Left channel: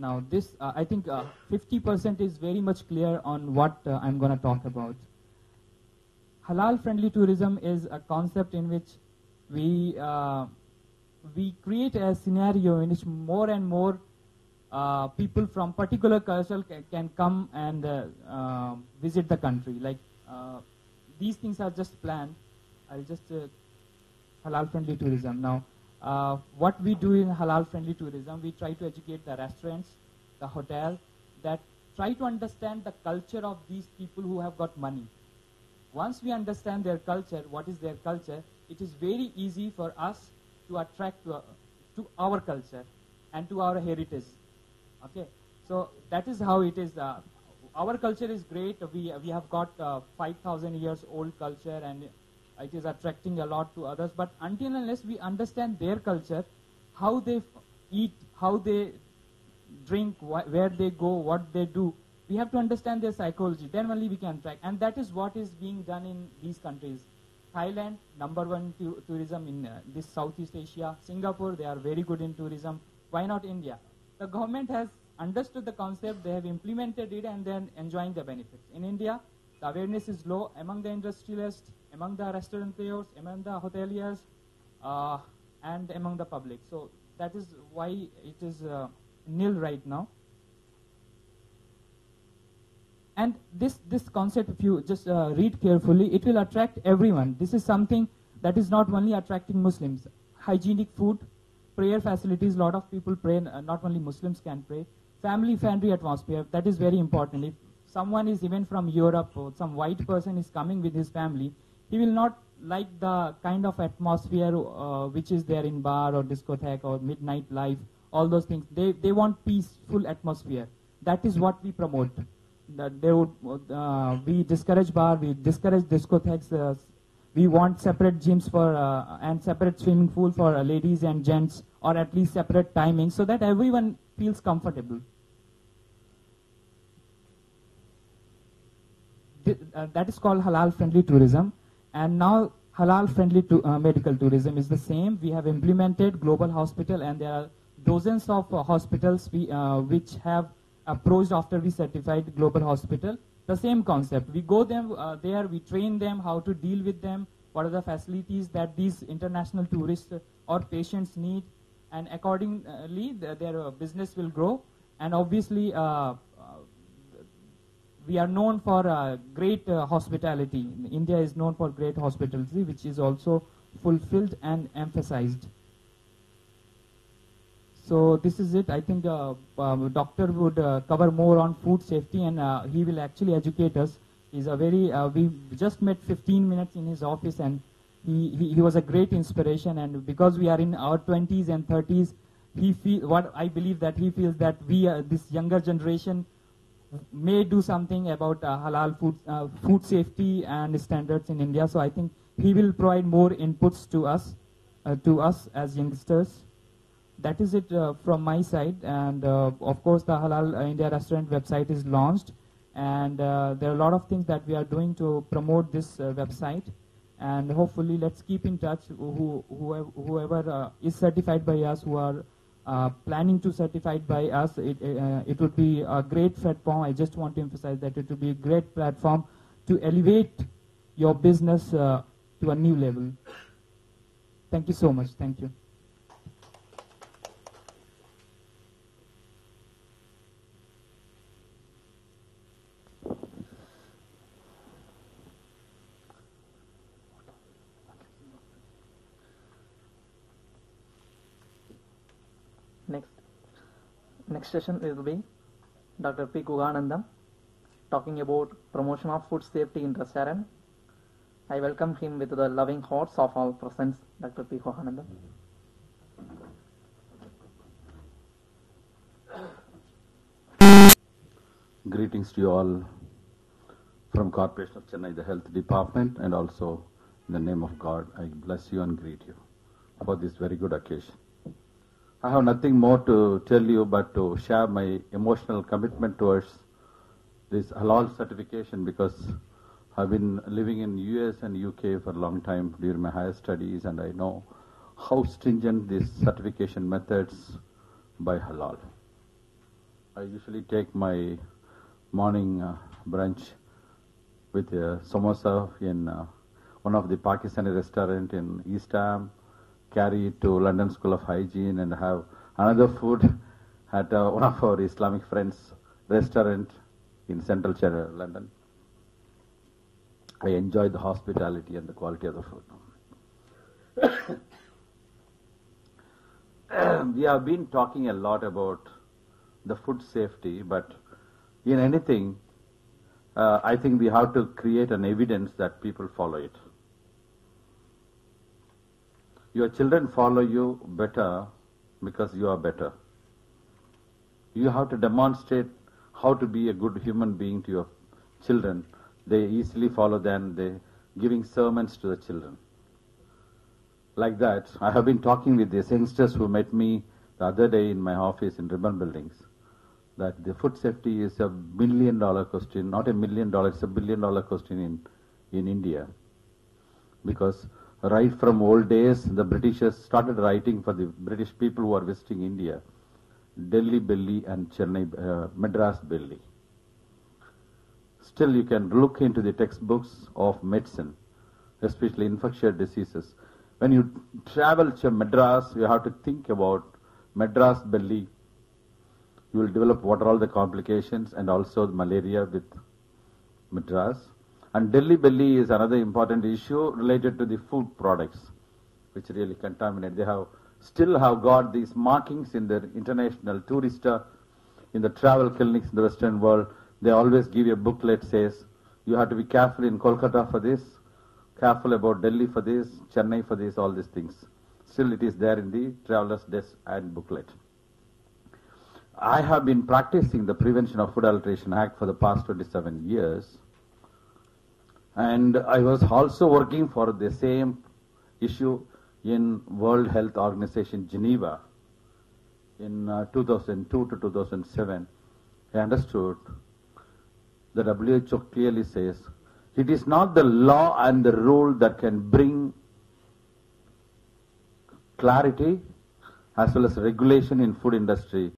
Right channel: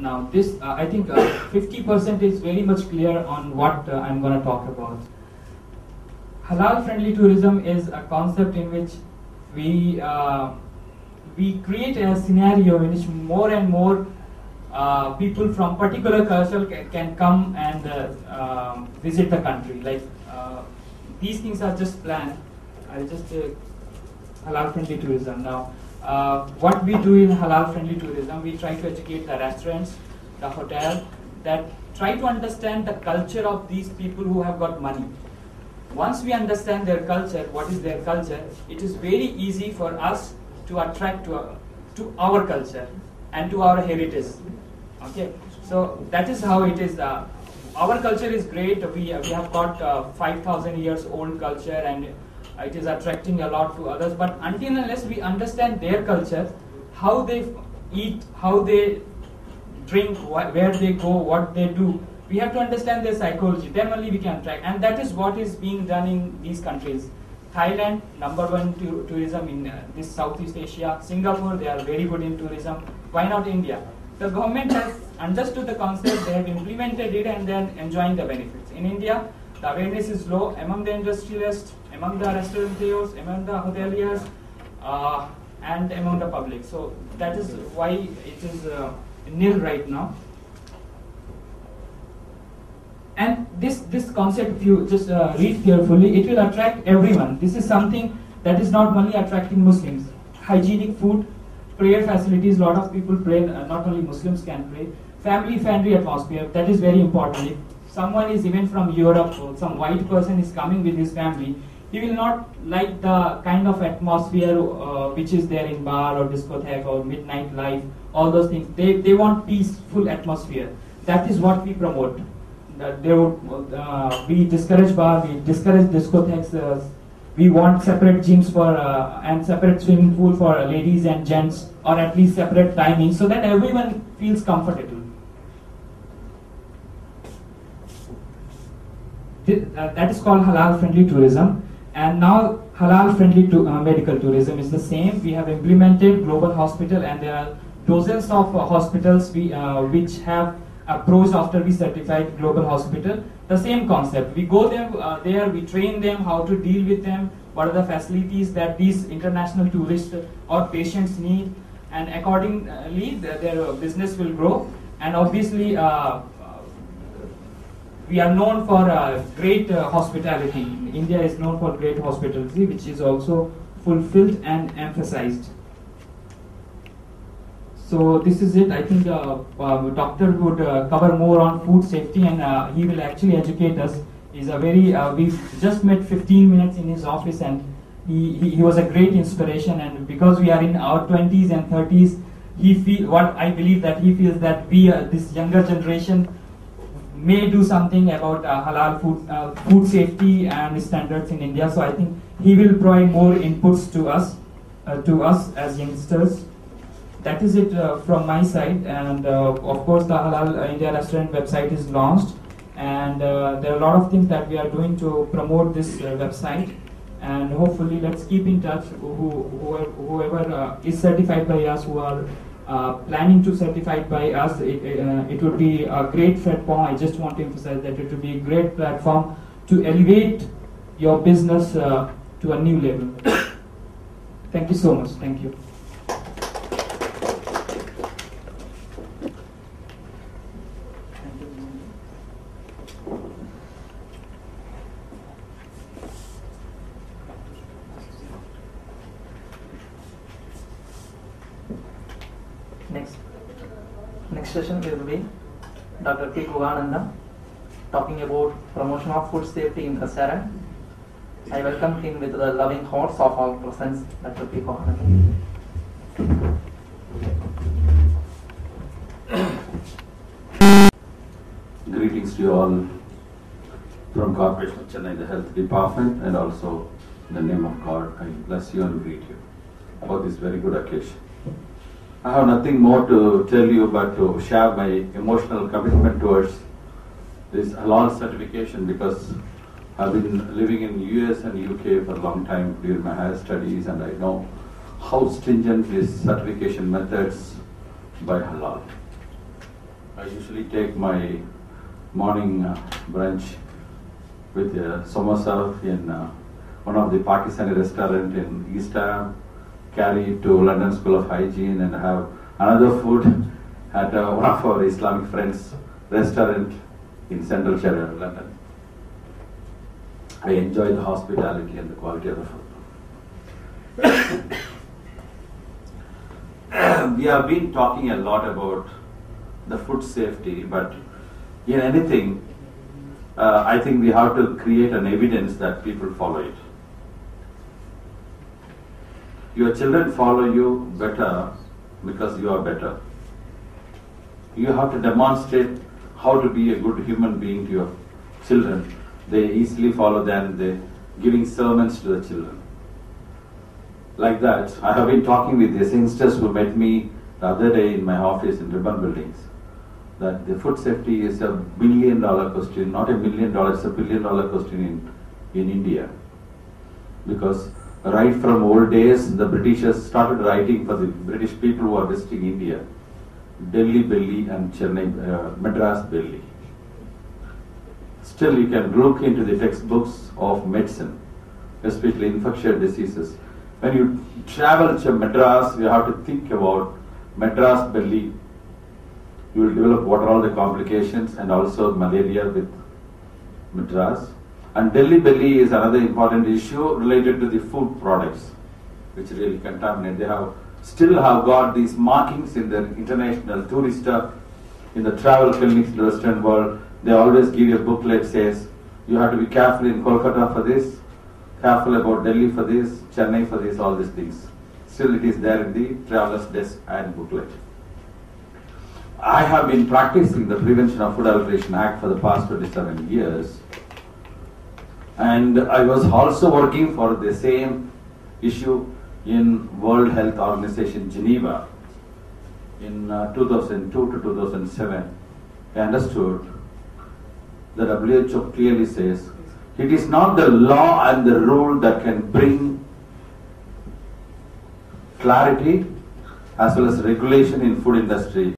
Now this, I think 50% is very much clear on what I'm going to talk about. Halal friendly tourism is a concept in which we create a scenario in which more and more people from particular culture can come and visit the country. Like these things are just planned. I'll just halal friendly tourism now. What we do in halal friendly tourism, we try to educate the restaurants, the hotel, that try to understand the culture of these people who have got money. Once we understand their culture, what is their culture, it is very easy for us to attract to our culture and to our heritage. Okay, so that is how it is. Our culture is great. We have got 5,000 years old culture, and it is attracting a lot to others. But until and unless we understand their culture, how they eat, how they drink, where they go, what they do, we have to understand their psychology. Then only we can track, and that is what is being done in these countries. Thailand, #1 tourism in this Southeast Asia. Singapore, they are very good in tourism. Why not India? The government has understood the concept, they have implemented it, and then enjoying the benefits. In India, the awareness is low among the industrialists, among the restaurateurs, among the hoteliers, and among the public. So that is why it is nil right now. And this concept, if you just read carefully, it will attract everyone. This is something that is not only attracting Muslims. Hygienic food, prayer facilities, a lot of people pray, not only Muslims can pray. Family-friendly atmosphere, that is very important. If someone is even from Europe, or some white person is coming with his family, he will not like the kind of atmosphere which is there in bar or discotheque or midnight life, all those things. They want peaceful atmosphere. That is what we promote. We discourage bar, we discourage discotheques, we want separate gyms for and separate swimming pool for ladies and gents, or at least separate timings, so that everyone feels comfortable. That is called halal friendly tourism. And now halal friendly medical tourism is the same. We have implemented global hospital, and there are dozens of hospitals which have approached after we certified global hospital. The same concept. We go there, we train them how to deal with them, what are the facilities that these international tourists or patients need, and accordingly their business will grow. And obviously we are known for great hospitality. India is known for great hospitality, which is also fulfilled and emphasized. So this is it. I think doctor would cover more on food safety, and he will actually educate us. He's a very, we've just met 15 minutes in his office, and he was a great inspiration. And because we are in our 20s and 30s, I believe that he feels that we, this younger generation, may do something about halal food safety and standards in India. So I think he will provide more inputs to us as youngsters. That is it from my side, and of course the Halal India Restaurant website is launched, and there are a lot of things that we are doing to promote this website, and hopefully let's keep in touch. Whoever is certified by us, who are planning to certify by us, it would be a great platform. I just want to emphasize that it would be a great platform to elevate your business to a new level. Thank you so much. Thank you. Next session will be Dr. P. Gugananda talking about promotion of food safety in restaurant. I welcome him with the loving hearts of all present, Dr. P. Gugananda. Greetings to you all from Corporation of Chennai, the Health Department, and also in the name of God, I bless you and greet you about this very good occasion. I have nothing more to tell you but to share my emotional commitment towards this halal certification, because I've been living in US and UK for a long time during my higher studies, and I know how stringent these certification methods by halal. I usually take my morning brunch with samosa in one of the Pakistani restaurant in East Ham, carry it to London School of Hygiene and have another food at one of our Islamic friends' restaurant in Central Shire, London. I enjoy the hospitality and the quality of the food. We have been talking a lot about the food safety, but in anything, I think we have to create an evidence that people follow it. Your children follow you better because you are better. You have to demonstrate how to be a good human being to your children. They easily follow them, they giving sermons to the children. Like that, I have been talking with these youngsters who met me the other day in my office in Ribbon Buildings, that the food safety is a $1 billion question, not $1 million, it's a $1 billion question in India. Because right from old days, the Britishers started writing for the British people who are visiting India, Delhi belly and Chennai, Madras belly. Still, you can look into the textbooks of medicine, especially infectious diseases. When you travel to Madras, you have to think about Madras belly. You will develop what are all the complications and also malaria with Madras. And Delhi belly is another important issue related to the food products, which really contaminate. They still have got these markings in the international tourist in the travel clinics, the Western world. They always give you a booklet says you have to be careful in Kolkata for this, careful about Delhi for this, Chennai for this, all these things. Still it is there in the traveler's desk and booklet. I have been practicing the Prevention of Food Adulteration Act for the past 27 years. And I was also working for the same issue in World Health Organization Geneva in 2002 to 2007. I understood the WHO clearly says it is not the law and the rule that can bring clarity as well as regulation in food industry.